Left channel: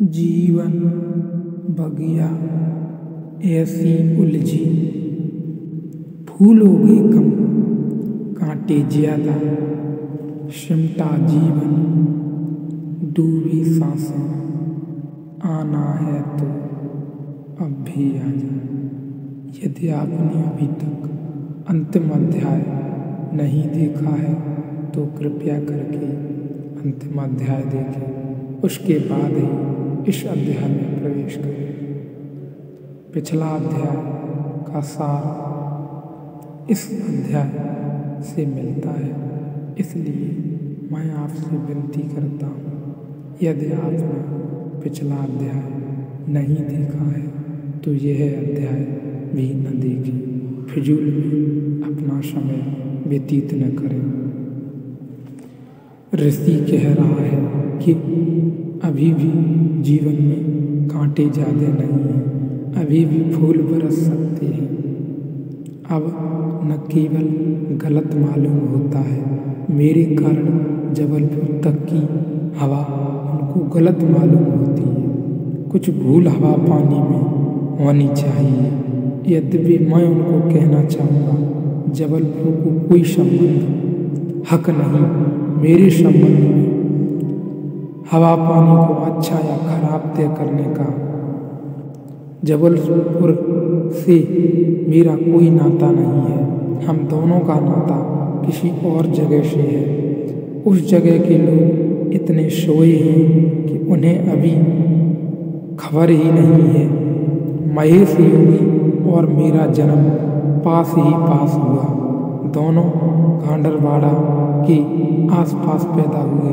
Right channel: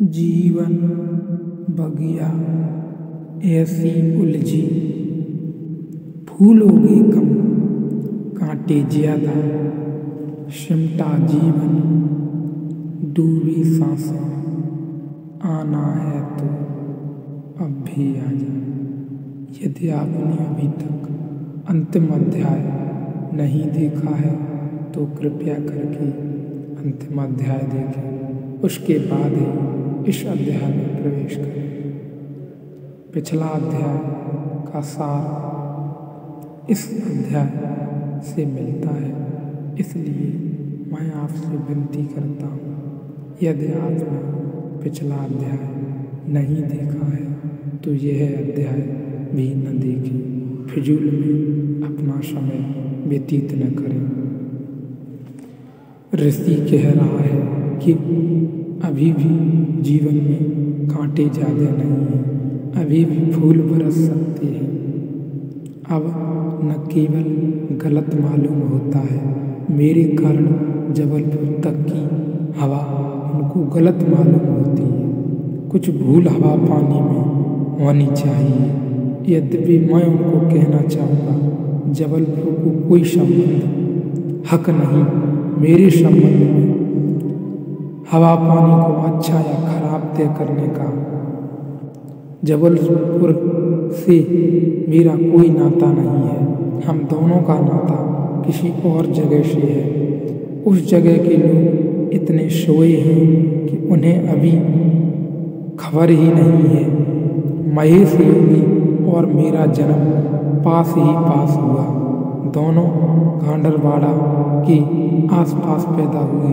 जीवन बगिया ऐसी उलझी, फूलोगे कम कांटे ज्यादा, सिमटा जीवन डूबी सांसें, आना है तो अब भी आ जा। यदि आपने अभी तक अंतिम अध्याय नहीं देखा है तो कृपया करके अंतिम अध्याय देखें, उसके बाद ही इस अध्याय में प्रवेश करें। पिछला अध्याय का सार इस अध्याय से मिलता है, इसलिए मैं आपसे विनती करता हूँ, यदि आपने पिछला अध्याय नहीं देखा है तो यह अध्याय भी न देखें, फिजूल में अपना समय व्यतीत न करें। ऋषि कह रहा है कि अभी भी जीवन में कांटे ज़्यादा नहीं हैं, अभी भी फूल बरस सकते हैं। अब न केवल गलत मालूम होता है, मेरे कारण जबलपुर तक की हवा उनको गलत मालूम होती है। कुछ भूल हवा पानी में होनी चाहिए। यद्यपि मैं उनको कहना चाहूँगा, जबलपुर को कोई संबंध हक नहीं मेरे संबंध में हवा पानी को अच्छा या खराब तय करने का। जबलपुर से मेरा कोई नाता नहीं है, हम दोनों का नाता किसी और जगह से है। उस जगह के लोग इतने सोए हैं कि उन्हें अभी खबर ही नहीं है। महेश योगी और मेरा जन्म पास ही पास हुआ, दोनों गांडरवाड़ा के आसपास पैदा हुए।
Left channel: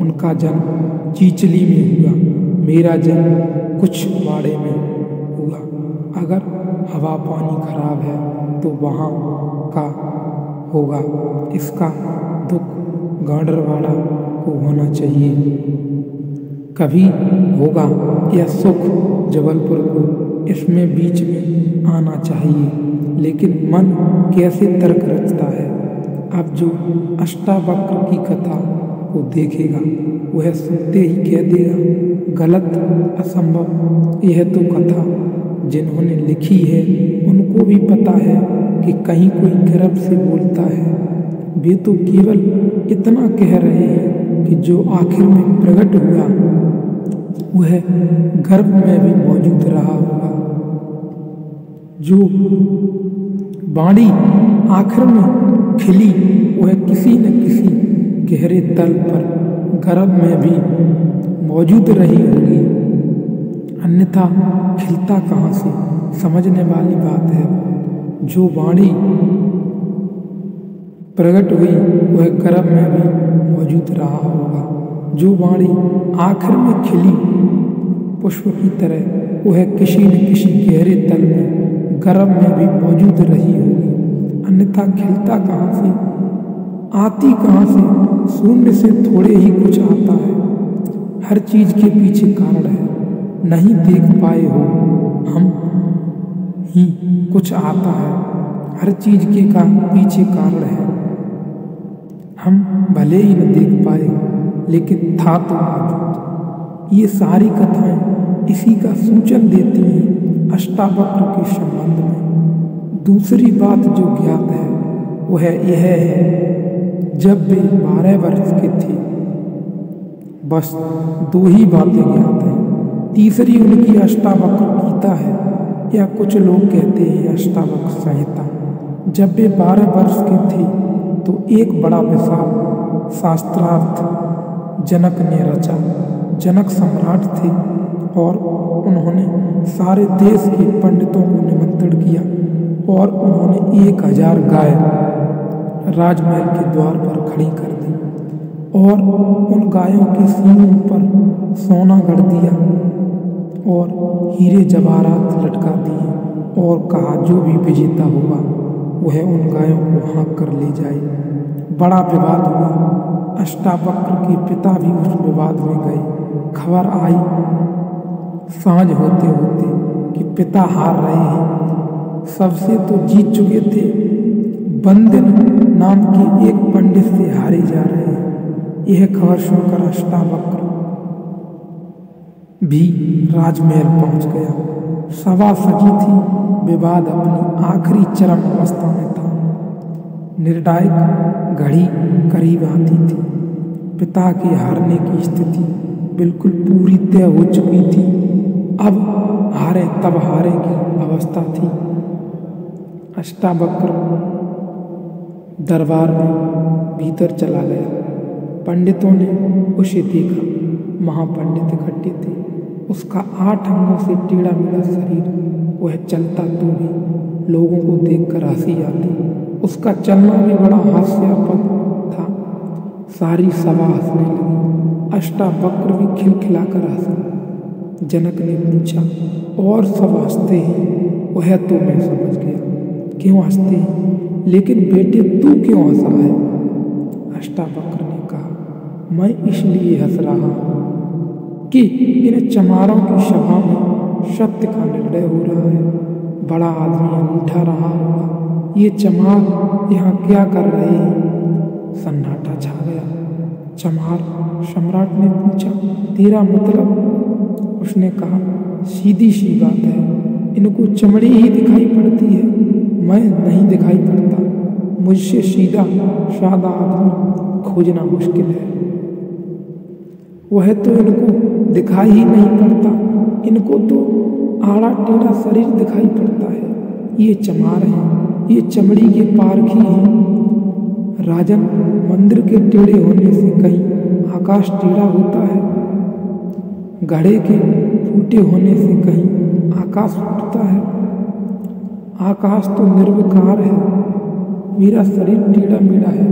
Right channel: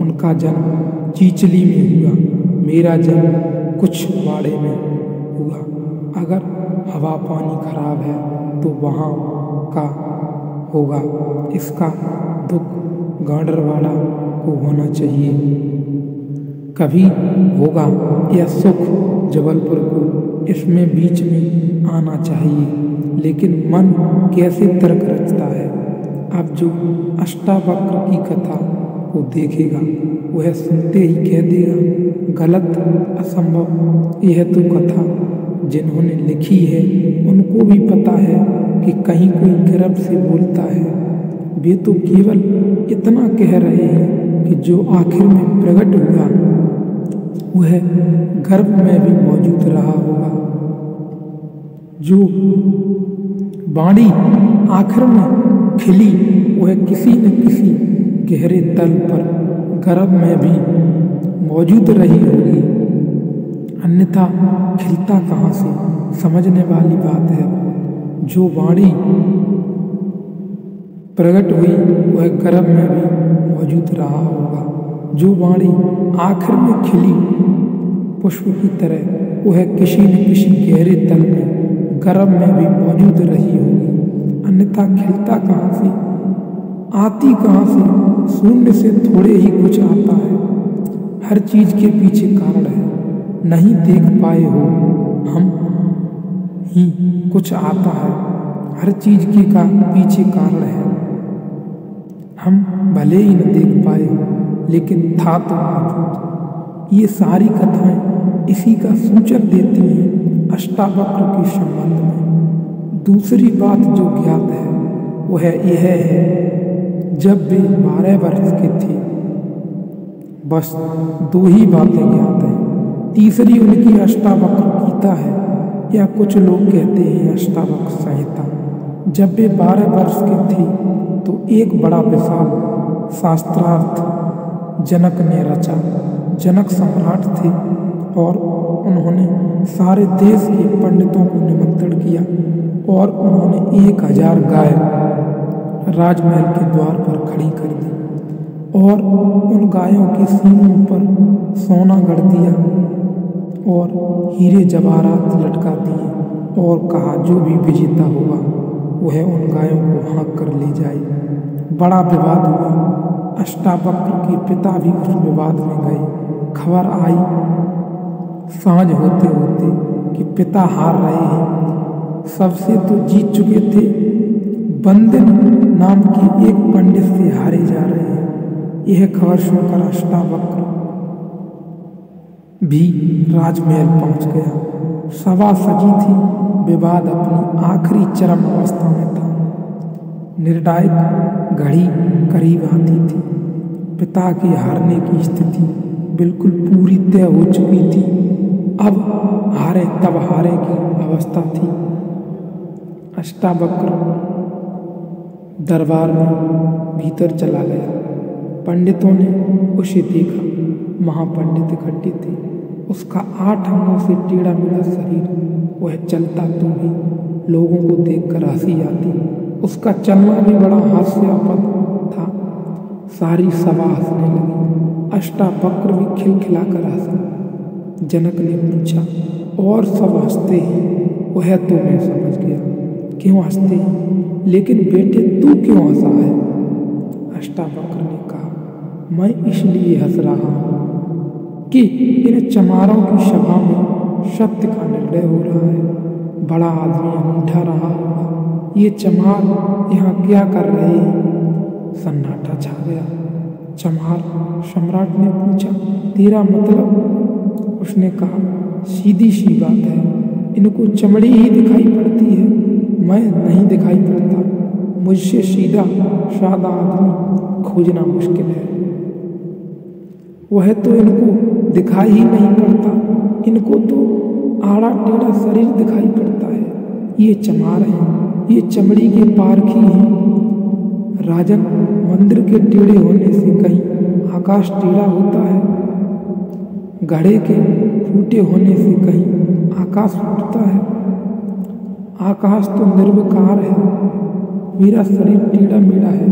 उनका जन्म चीचली में हुआ, मेरा जन्म कुछ वाड़े में हुआ। अगर हवा पानी खराब है तो वहाँ का होगा, इसका दुख गांडरवाड़ा को होना चाहिए। कभी होगा यह सुख जबलपुर को, इसमें बीच में आना चाहिए। लेकिन मन कैसे तर्क रचता है। अब जो अष्टावक्र की कथा को देखेगा वह सुनते ही कह देगा, गलत, असंभव। यह तो कथा जिन्होंने लिखी है उनको भी पता है कि कहीं कोई गर्भ से बोलता है। वे तो केवल इतना कह रहे हैं कि जो आखिर में प्रकट हुआ वह गर्भ में भी मौजूद रहा होगा। जो बाणी आखिर में खिली वह किसी न किसी गहरे तल पर गर्भ में भी मौजूद रही होगी, अन्यथा खिलता कहाँ से। समझने वाली बात है। जो वाणी प्रकट हुई वह गर्भ में भी मौजूद रहा होगा। जो वाणी आखिर में खिली पुष्प की तरह वह किसी न किसी गहरे तल में गर्भ में भी मौजूद रही होगी, अन्यथा खिलता कहाँ से, आती कहाँ से। शून्य से थोड़े ही कुछ आता है। हर चीज के पीछे कारण है, नहीं देख पाए हो हम ही कुछ आता है। हर चीज के पीछे कारण है, हम भले ही न देख पाए हो लेकिन था तो मौजूद। ये सारी कथाएं इसी का सूचन देती हैं अष्टावक्र के संबंध में। दूसरी बात जो ज्ञात है वह यह है, जब वे 12 वर्ष के थे, बस 2 ही बातें ज्ञात हैं। तीसरी उनकी अष्टावक्र गीता है, या कुछ लोग कहते हैं अष्टावक्र संहिता। जब वे 12 वर्ष के थे तो एक बड़ा विशाल शास्त्रार्थ जनक ने रचा। जनक सम्राट थे और उन्होंने सारे देश के पंडितों को निमंत्रण किया और उन्होंने 1000 गाय राजमहल के द्वार पर खड़ी कर दी और उन गायों के सींगों पर सोना गढ़ दिया और हीरे जवाहरात लटका दिए और कहा, जो भी विजेता होगा वह उन गायों को हाँक कर ले जाए। बड़ा विवाद हुआ। अष्टावक्र के पिता भी उस विवाद में गए। खबर आई सांझ होते होते कि पिता हार रहे हैं। सबसे तो जीत चुके थे, बंदिन नाम के एक पंडित से हारे जा रहे हैं। यह खबर सुनकर अष्टावक्र भी राजमहल पहुंच गया। सभा सजी थी, विवाद अपनी आखिरी चरम अवस्था में था। निर्णायक घड़ी करीब आती थी। पिता की हारने की स्थिति बिल्कुल पूरी तय हो चुकी थी। अब हारे तब हारे की अवस्था थी। अष्टावक्र दरबार में भीतर चला गया। पंडितों ने उसे देखा। महापंडित इकट्ठे थे। उसका 8 अंगों से टेढ़ा मेढ़ा शरीर, वह चलता तो भी लोगों को देखकर हंसी आती। उसका चलना भी बड़ा हास्यास्पद था। सारी सभा हंसने लगी। अष्टावक्र भी खिलखिलाकर हंसा। जनक ने पूछा, और सब हंसते हैं? वह तो मैं समझ गया क्यों हंसते हैं, लेकिन बेटे तू क्यों हंसा है? अष्टावक्र ने कहा, मैं इसलिए हंस रहा हूँ कि इन चमारों की सभा में सत्य का निर्णय हो रहा है। बड़ा आदमी अनूठा रहा होगा। ये चमार यहाँ क्या कर रहे हैं? सन्नाटा छा गया। चमार सम्राट ने पूछा, तेरा मतलब? उसने कहा, सीधी सी बात है, इनको चमड़ी ही दिखाई पड़ती है, मैं नहीं दिखाई पड़ता। मुझसे सीधा सादा आदमी खोजना मुश्किल है। वह तो इनको दिखाई ही नहीं पड़ता, इनको तो आड़ा टेढ़ा शरीर दिखाई पड़ता है। ये चमार हैं, ये चमड़ी के पारखी हैं। राजन, मंदिर के टेढ़े होने से कहीं आकाश टेढ़ा होता है? घड़े के फूटे होने से कहीं आकाश फूटता है? आकाश तो निर्विकार है। मेरा शरीर टेढ़ा मेढ़ा है,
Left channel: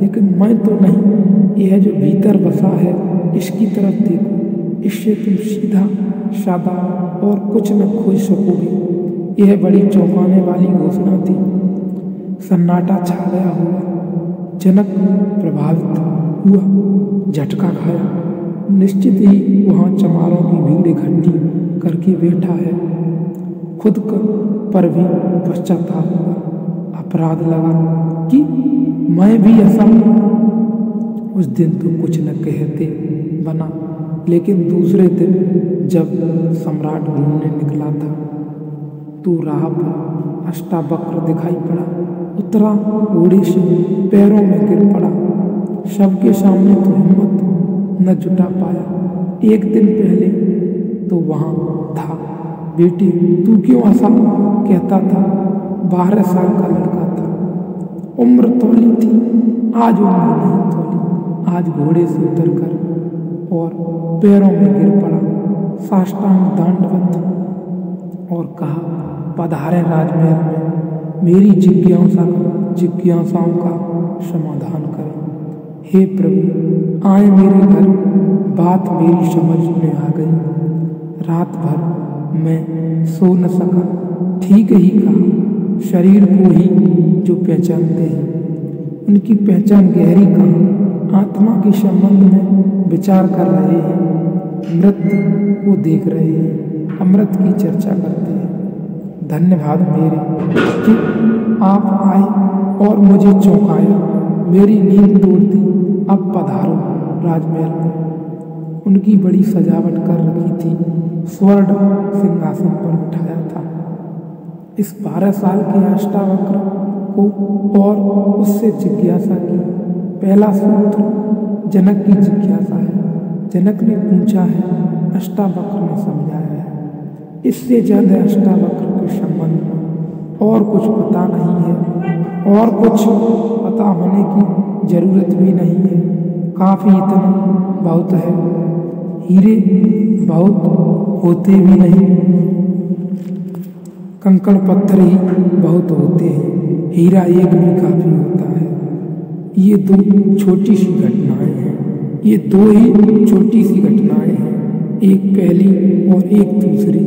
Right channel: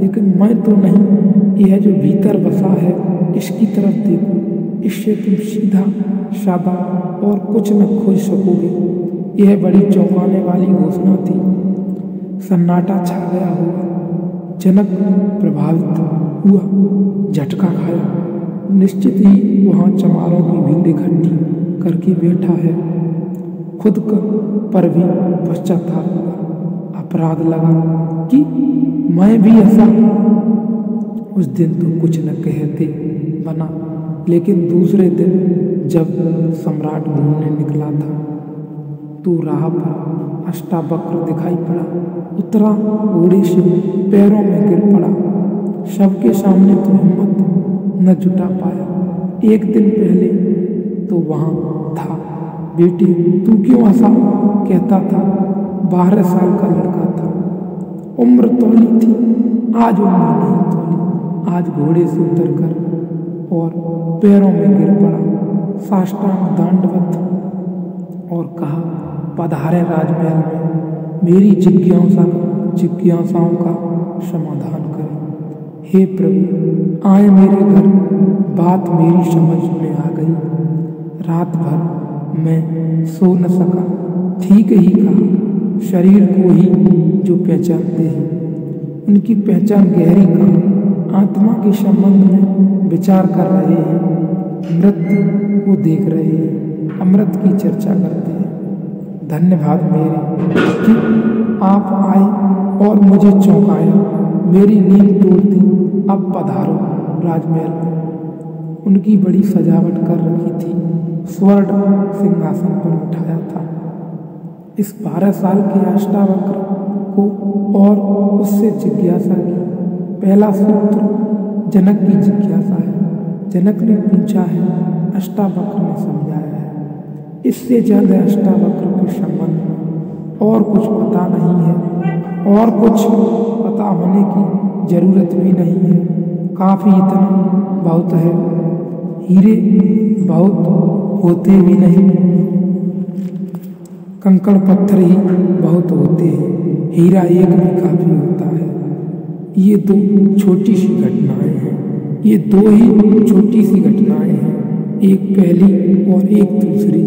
लेकिन मैं तो नहीं। यह जो भीतर बसा है, इसकी तरफ देखो। इससे तुम सीधा सादा और कुछ न खोज सकोगे। यह बड़ी चौंकाने वाली घोषणा थी। सन्नाटा छा गया होगा। जनक प्रभावित हुआ, झटका खाया। निश्चित ही वहाँ चमारों की भीड़ इकट्ठी करके बैठा है। खुद पर भी पश्चाताप हुआ। अपराध लगा कि मैं भी ऐसा। उस दिन तो कुछ न कहते बना, लेकिन दूसरे दिन जब सम्राट घूमने निकला था तो राह पर अष्टावक्र दिखाई पड़ा। उतरा, घोड़े से पैरों में गिर पड़ा। सबके सामने तो हिम्मत न जुटा पाया। एक दिन पहले तो वहाँ था। बेटे तू क्यों हंसा? कहता था। 12 साल का लड़का था। उम्र तौली थी, आज उम्र नहीं तौली। आज घोड़े से उतरकर और पैरों में गिर पड़ा, साष्टांग दंडवत, और कहा, पधारे राजमहल में, मेरी जिज्ञासाओं का समाधान करें। हे प्रभु, आए मेरे घर। बात मेरी समझ में आ गई। रात भर मैं सो न सका। ठीक ही कहा, शरीर को ही जो पहचानते हैं, उनकी पहचान गहरी कहाँ? आत्मा के संबंध में विचार कर रहे हैं, मृत्यु को देख रहे हैं, अमृत की चर्चा करते हैं। धन्यवाद मेरे कि आप आए और मुझे चौंकाया, मेरी नींद तोड़ दी। अब पधारो राजमहल में। उनकी बड़ी सजावट कर रखी थी। स्वर्ण सिंहासन पर बिठाया था। इस 12 साल के अष्टावक्र को और उससे जिज्ञासा की। पहला सूत्र जनक की जिज्ञासा है। जनक ने पूछा है, अष्टावक्र ने समझाया है। इससे ज्यादा अष्टावक्र के संबंध में और कुछ पता नहीं है, और कुछ पता होने की जरूरत भी नहीं है। काफी इतना बहुत है। हीरे बहुत होते भी नहीं, कंकड़ पत्थर ही बहुत होते हैं। हीरा एक भी काफी होता है। ये दो छोटी सी घटनाएं हैं। ये दो ही छोटी सी घटनाएं हैं, एक पहली और एक दूसरी।